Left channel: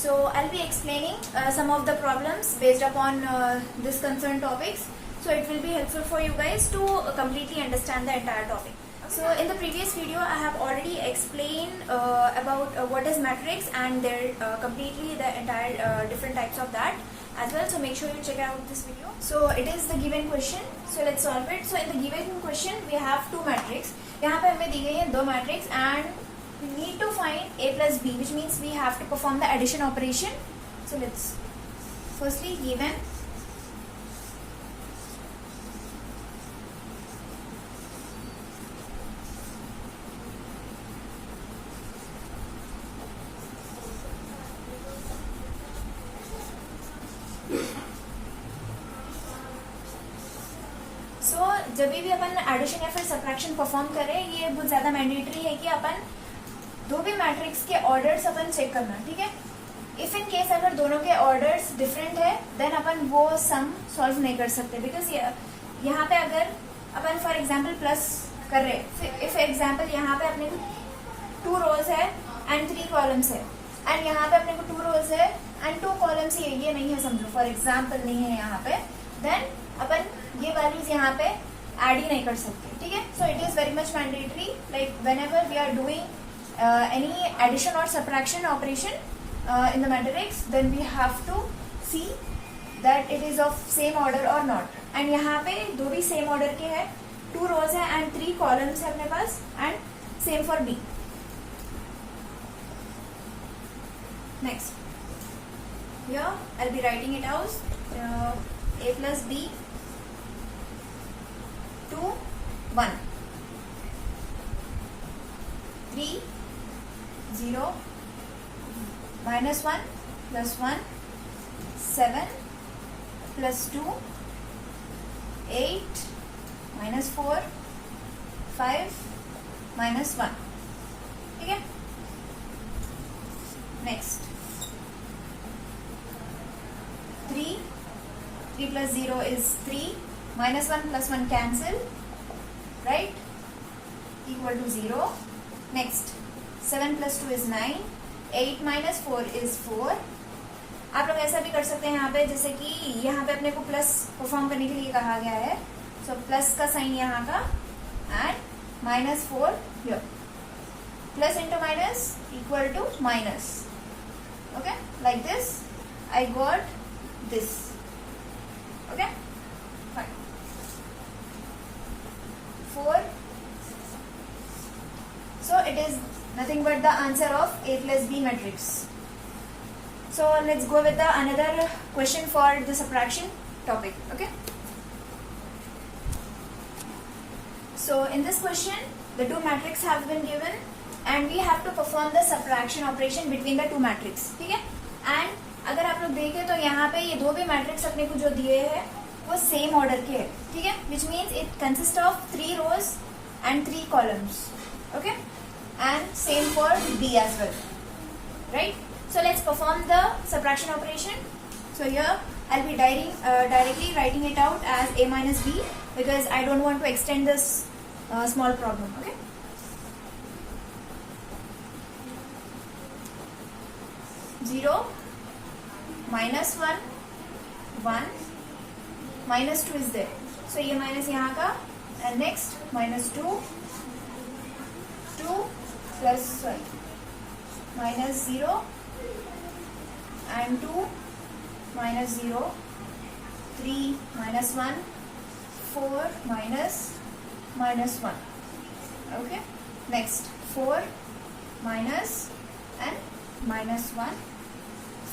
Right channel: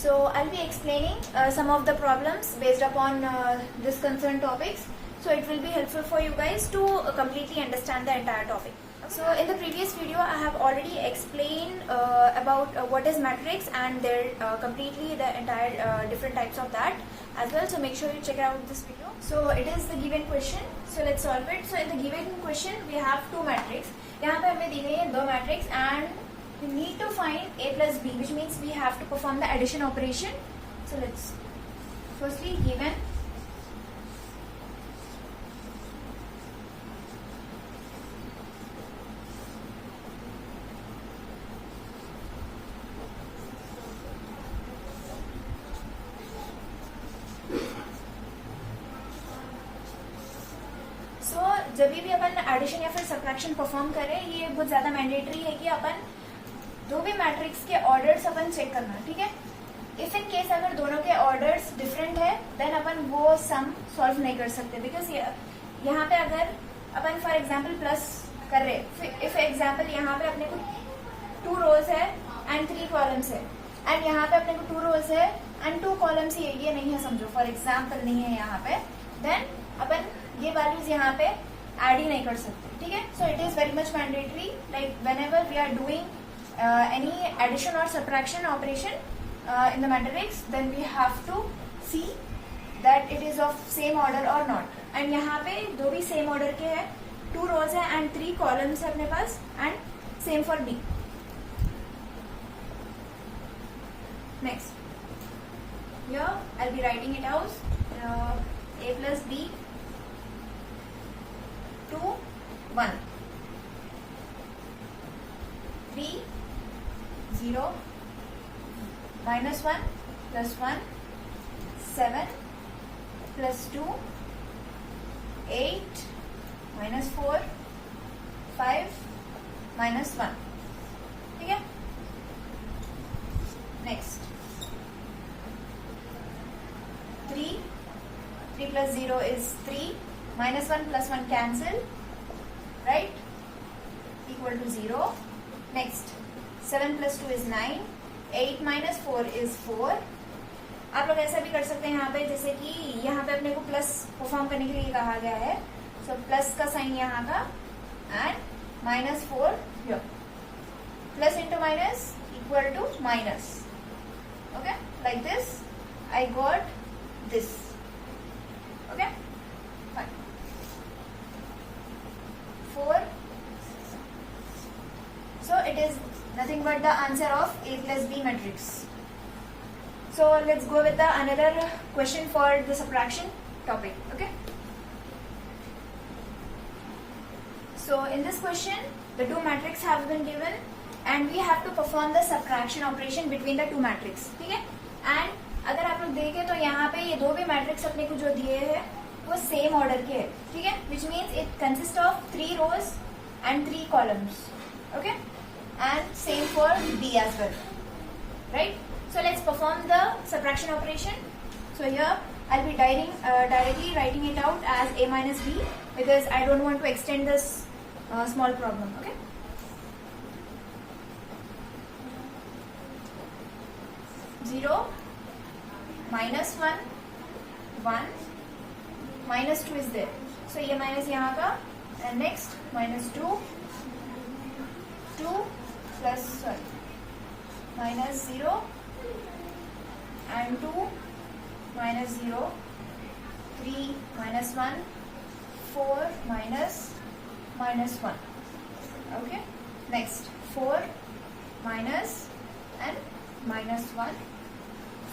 So I'll be explaining some of the problems based upon this concerned topics. So it will be helpful for you guys to completely understand the entire topic. So in the previous video, I have already explained about what is matrix and their completely the entire different types of that as well. So make sure you check out this video. So it is the given question. So let's solve it. So in the given question, we have two matrix. यहाँ पे हमें दी गई है दो matrix and we need to find a plus b, which means we have to perform the addition operation. So let's firstly given जब भी अपन एडिशन या फिर सब्ट्रैक्शन परफॉर्म करें, ये बहुत ज्यादा मैंडेटरी है कि अपन दो भी मैट्रिक्स के ऑर्डर्स अपन चेक करना, ठीक है। इफ इन केस अगर दोनों के ऑर्डर्स डिफरेंट है देन अपन वो सम सॉल्व नहीं कर सकते, बिकॉज यहाँ पे अगर अपन फॉर एग्जाम्पल प्लस कर रहे, इफ एग्जाम्पल यहाँ पे अपने को 2 रोज है एंड 3 कॉलम्स है एंड यहाँ पे अपने को 2 रोज है एंड 2 कॉलम्स ही है, ये नहीं है समझो, फॉर एग्जाम्पल नहीं है यहाँ पे, देन अपन ये वैल्यूज यहाँ पे ऐड ही नहीं कर सकते, ठीक है। So it is very much mandatory like whenever we are doing any addition or subtraction operation in the matrix, then we have to see that it is of same order or not. And यहाँ पे दो भी same order के हैं, 2 रोज है एंड 3 columns है अपने पास, and same for B. Next here I'll be writing it out, a plus b 2 1 3 0 minus 1 plus 1 7 plus 2 8 minus 4 5 minus 1, ठीक है। नेक्स्ट 3 plus 0 is 3, minus 1 plus 1 cancel, right, equal to 0. Next 7 plus 2 is 9, 8 minus 4 is 4. आप लोग ऐसा भी कर सकते हैं यहाँ पे, जैसे कि यहाँ पे अपने को प्लस परफॉर्म करने के लिए कहा गया है, सो प्लस का साइन यहाँ का and minus 4 here, plus into minus equal to minus, okay, like this I got this, okay, fine. 4, so it is nothing but the answer of a plus b matrix. So let's go with the another question for the subtraction topic, okay. So in this question the two matrices have been given and we have to perform the subtraction operation between the two matrices, ठीक है। and अगर आप लोग देखें तो यहाँ पे ये दो भी मैट्रिक्स अपने को जो दिए हैं वो सेम ऑर्डर के हैं, ठीक है, which means it consist of 3 rows and 3 columns, okay, and same for B as well, right. So let's perform the subtraction operation. So here I be directly writing it out as a minus b because I don't want to extend this small problem, okay. Zero minus 1 1 minus 2 is there, so ये माइनस यहाँ का, and next minus 2 2 plus minus 0 and 2 minus 0 3 minus 1 4 minus 1, okay. Next 4 minus and minus 1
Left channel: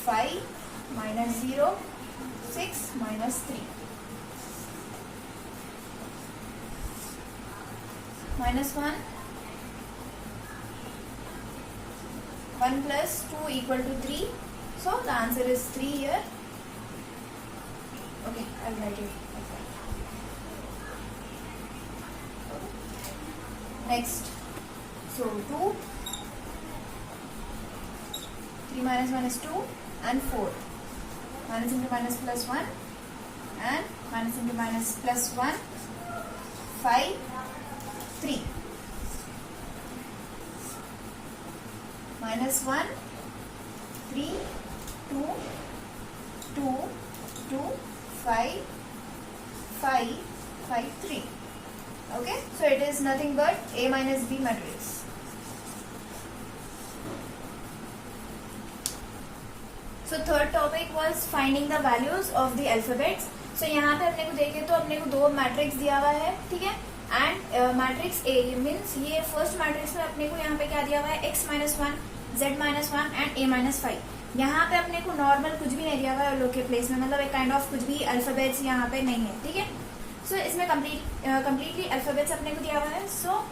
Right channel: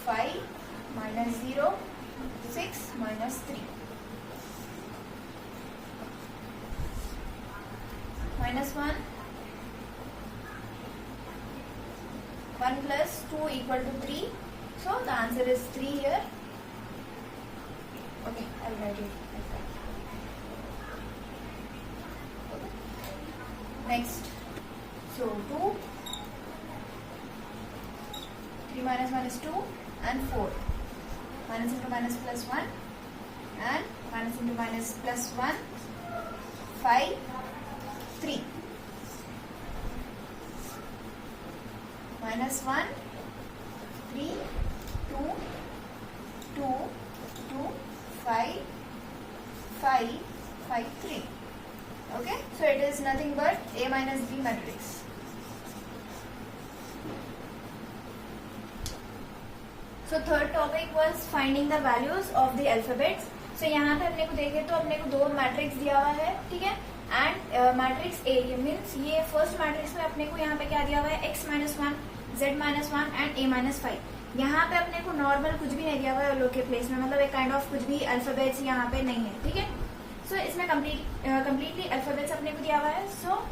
5 minus 0 6 minus 3 minus 1 1 plus 2 equal to 3, so the answer is 3 here, okay. I'll write it like that, okay. Next, so 2 3 minus 1 is 2 and 4, minus into minus plus 1 and minus into minus plus 1 5 3 minus 1 3 5, 3. Okay, so it is nothing but A minus B matrix. So third topic was finding the values of the alphabets. So यहाँ पे अपने को देखे तो अपने को दो मैट्रिक्स दिया हुआ है, ठीक है, एंड मैट्रिक्स ए मीन्स ये फर्स्ट मैट्रिक्स में अपने को यहाँ पे क्या दिया हुआ है, x minus one, z minus one and a minus five. यहाँ पे अपने को नॉर्मल कुछ भी नहीं दिया हुआ है लोग के प्लेस में, मतलब एक काइंड ऑफ कुछ भी अल्फाबेट्स यहाँ पे नहीं है, ठीक है. सो इसमें कम्प्लीटली अल्फाबेट्स अपने को दिया हुआ है. सो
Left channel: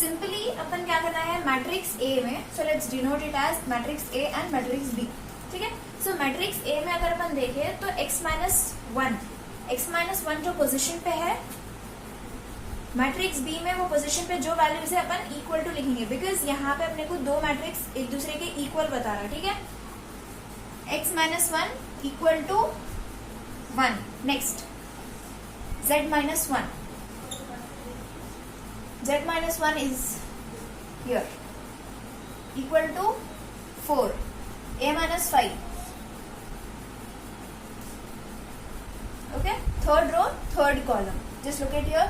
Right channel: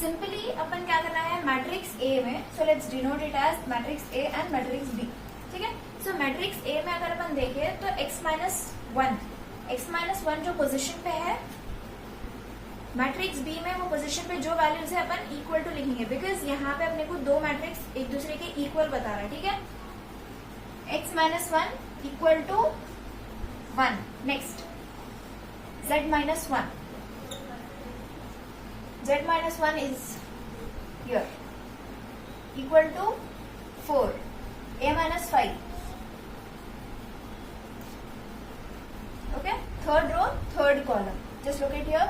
सिंपली अपन क्या करना है मैट्रिक्स ए में, so let's denote it as matrix A and matrix B, ठीक है. सो मैट्रिक्स ए में अगर अपन देखें तो x माइनस वन जो पोजीशन पे है, मैट्रिक्स बी में वो पोजीशन पे जो वैल्यू से अपन इक्वल टू लिखेंगे, बिकॉज यहाँ पे अपने को दो मैट्रिक्स एक दूसरे के इक्वल बता रहा है, ठीक है. x minus one equal to 1. Next z minus one, z minus one is here equal to 4. a minus 5. Okay, third row, third column. Just look at here.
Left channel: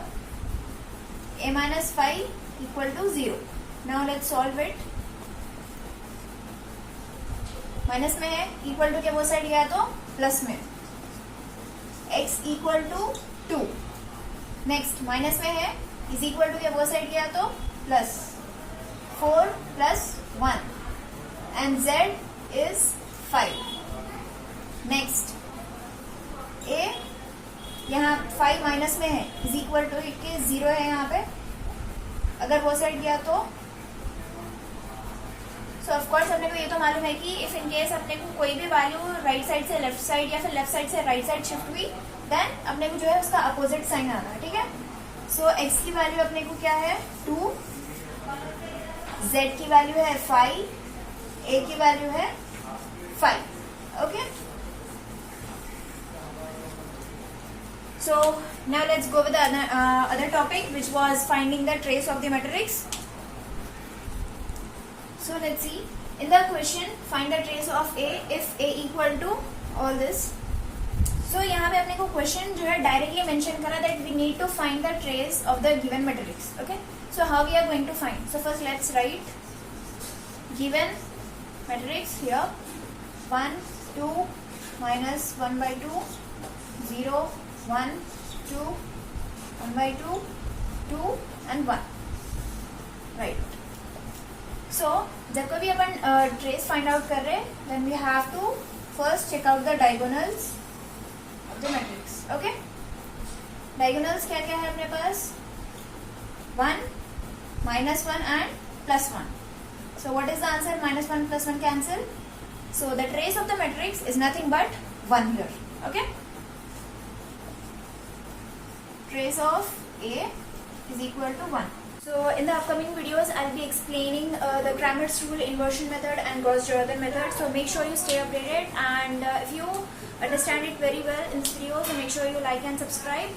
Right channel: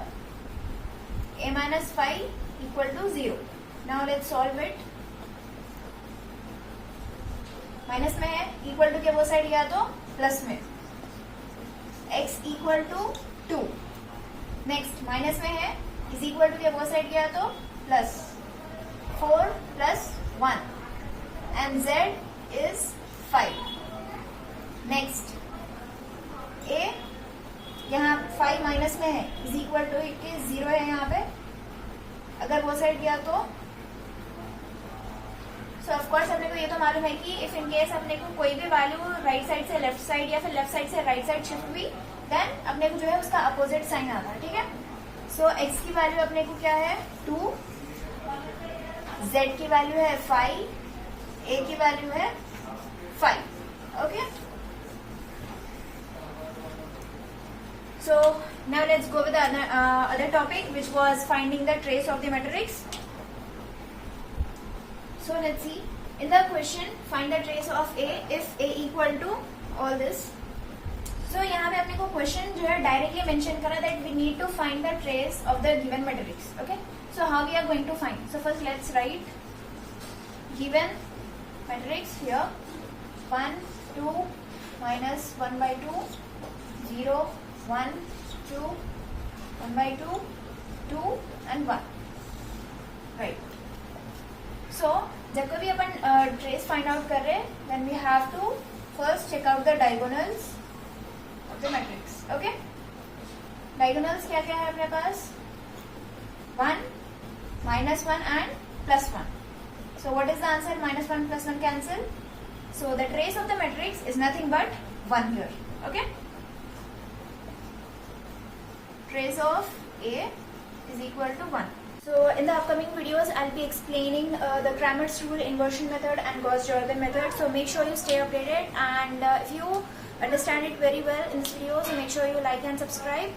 A minus 5 equal to 0. Now let's solve it. Minus में है, equal to के वो साइड गया तो plus में. x equal to 2. Next minus में है, is equal to के वो साइड गया तो प्लस 4 प्लस 1 and z is 5. Next a यहाँ 5 माइनस में है, इज इक्वल टू के 0 है यहाँ पे, अगर वो साइड गया तो सो ऑफकोर्स अपने को ये तो मालूम है कि इफ इन केस अपने को कोई भी वैल्यू राइट साइड से लेफ्ट साइड या फिर लेफ्ट साइड से राइट साइड शिफ्ट हुई, देन अपने को जो है उसका अपोजिट साइन आता है, ठीक है. सो x की वैल्यू अपने को क्या है 2, z की वैल्यू है 5, a की वैल्यू है 5. Okay, so now let's go with the other topic, which was finding the trace of the matrix. So let's see, in the question find the trace of a if a equal to all this. So यहाँ पे अपने को question जो है directly mention करा that we need to find the trace of the given matrix. Okay, so how we are going to find? So first let's write given matrix here, 1 2 minus 1 by 2 0 1 2 1 by 2 2 and 1, right. So जब कभी अपन trace find out कर रहे हैं, then we have to first check out the diagonals of the matrix. Okay, diagonals क्या क्या है अपने पास, 1 minus 1 and plus 1. So what is the answer? minus 1 plus 1 cancel. So the trace of the matrix is nothing but 1 here. Okay, trace of A is equal to 1. So in the upcoming videos, I'll be explaining the Cramer's rule, inversion method and Gauss-Jordan method. So make sure you stay updated, and if you understand it very well in this video, so make sure you like and subscribe.